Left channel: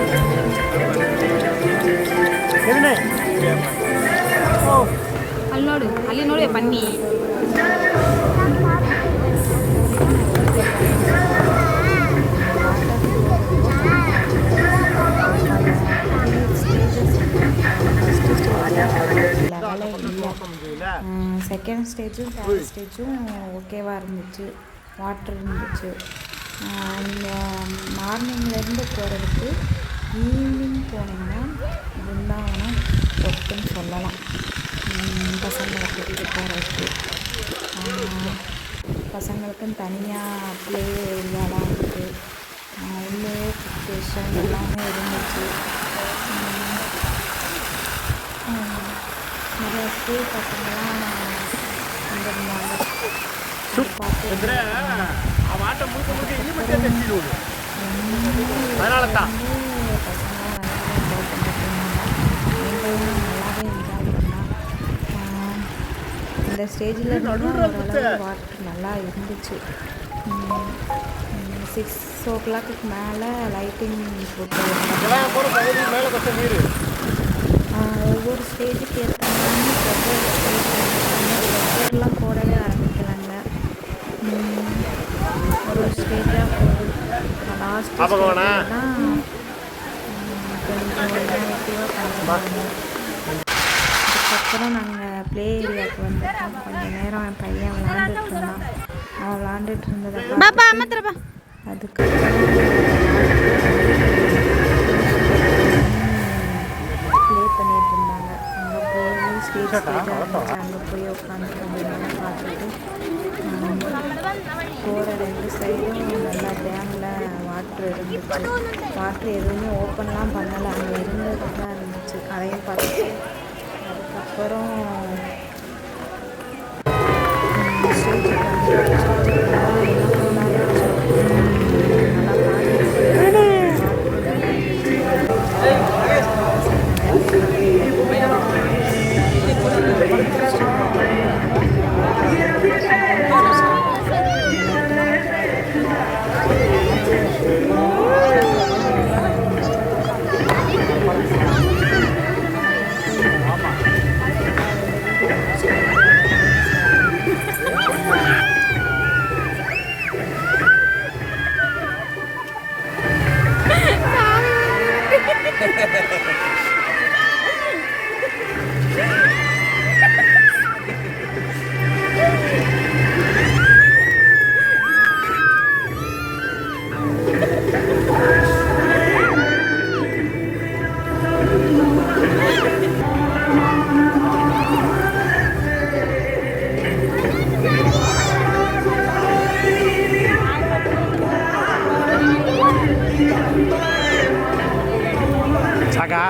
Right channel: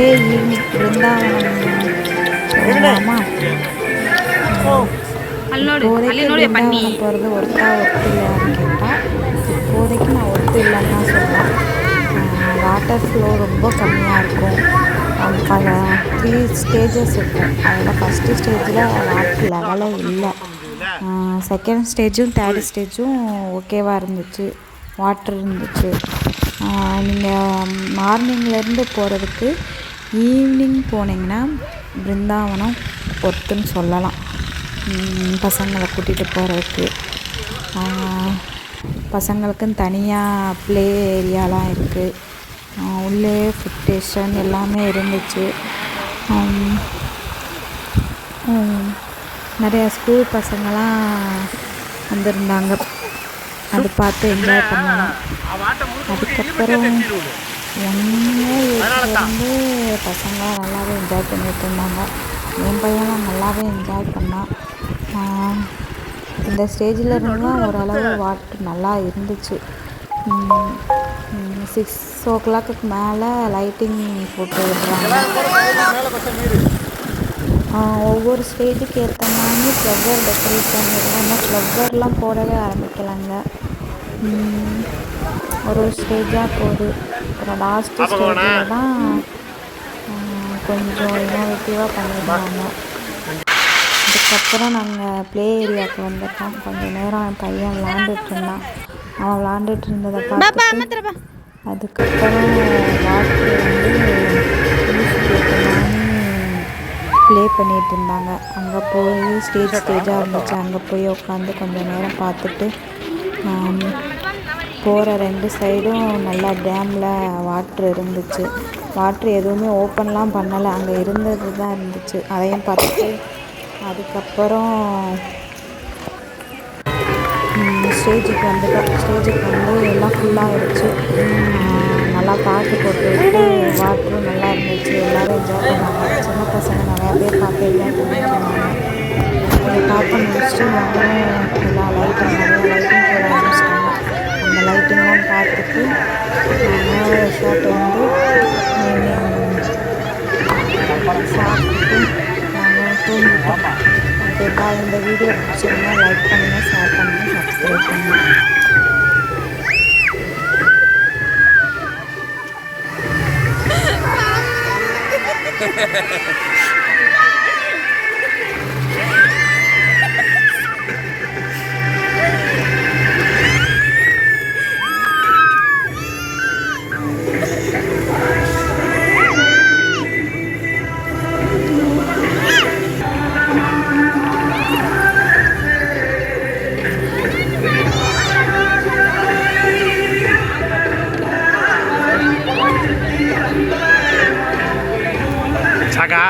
Next day evening Brindavanam போகலாமா? இப்போதைக்கு பிருந்தாவனம் போகிறது ஒர்த்தா இல்லையான்னு கேட்டால் இப்போதைக்கு நான் ஒர்த்து இல்லைன்னு தான் சொல்லுவேன். வாட்டர் ஃப்ளோ ரொம்ப கம்மியாக இருக்கும். பல 3 ஸ்டேஜஸ் இருக்கும். அதில் ஃபஸ்ட்டு ஸ்டேஜில் வாட்டர் லெவலே இல்லை. செகண்ட் ஸ்டேஜும் தேர்ட் ஸ்டேஜும் ஓகேவாக இருந்துச்சு, வாட்டர் இருந்துச்சு. நீங்கள் மார்னிங்லேருந்து போகிறதுக்கு ஈவினிங் போனீங்கன்னா பிருந்தாவனம் ஒர்த்துன்னு சொல்லலாம். பசங்களை கூட்டிகிட்டு போகிறதுக்கு பசங்களுக்குன்னு தனியாக ப்ளே ஏரியாலாம் இருக்குது. உள்ளே ஃபுட் ஸ்டேஷன் எல்லாமே இருந்துச்சு. நிறையா ஸ்கூல் பசங்களாம் வந்திருந்தாங்க. அது பார்த்து என்ஜாய் பண்ணோம். அதுக்கப்புறம் வந்து பசங்களாம் நல்லாவே என்ஜாய் பண்ணிட்டு இருந்தாங்க. என் பையனும் நல்லாவே என்ஜாய் பண்ணான். இந்த ஸ்டேஜில் இருந்துலாம் ஓரளவு வாட்டர் நல்லா இருந்துச்சு. 6 o'clock மேலே லைட்டிங் போட்டு ஒவ்வொரு ஸ்டேஜுக்கு ஏற்ற மாதிரி ஃப்ளவர் டெக்கரேட் பண்ணியிருக்காங்க. ஃப்ளவர்லாம் போடவே ஆரம்பிக்கலாங்க. ஒரு ஸ்டேஜாக போகுது. அப்புறம் லாஸ்ட்டு ஸ்டேஜில் தான் கொஞ்சம் இன்னோவேட்டிவாக பண்ணியிருந்தாங்க. அதுக்கப்புறம் நாங்கள் ப்ளே ஏரியாவுக்கு வந்துட்டோம். கொஞ்சம் நேரம் என் பையன் விளாண்டுட்டு இருந்தான். அவன் விளாண்டுட்டு இருந்ததை பார்த்துட்டு அதுக்கப்புறம் வாட்டர் ப்ளே பண்ணிகிட்டு இருந்தாங்க. அங்கே போய் ஸ்டேஜாக இருந்துச்சு. அங்கே போய் உட்காந்து கொஞ்சம் நேரம் பார்த்துட்டு போகிற 2 சைடும் நல்லா டேமில் வாட்ரு இருந்துச்சு. வாட்ரு எதுவுமே ஓப்பன்லாம் பண்ணலை, அங்கே இருந்தது தான் இருந்துச்சு. அதையும் பார்த்துட்டு அதுக்கப்புறம் ஸ்டேஜுக்கு வந்துட்டோம். ஸ்டேஜுக்கு வந்து எல்லாம் ஃபுல்லாக இருந்துச்சு. நல்லா பாட்டு போட்டு வாட்டரும் நல்லா இருந்துச்சு. எல்லோரும் என்ஜாய் பண்ணாங்க. சின்ன பசங்க நிறைய பேர் பார்த்து பார்த்து முடிச்சுட்டு நாங்களும் எல்லா லைட்டும் போட ஆரம்பிச்சிட்டாங்க. அந்த லைட்டிங்லாம் பார்த்துட்டு ஷார்ட் வந்து சாப்பிட்டு நாங்கள் தூங்கிட்டோம். ஓகேப்பா, இந்த வீடியோ பிடிச்சிருந்தா லைக் பண்ணுங்கள், ஷேர் பண்ணுங்கள், சப்ஸ்கிரைப் பண்ணுங்கள். Saga.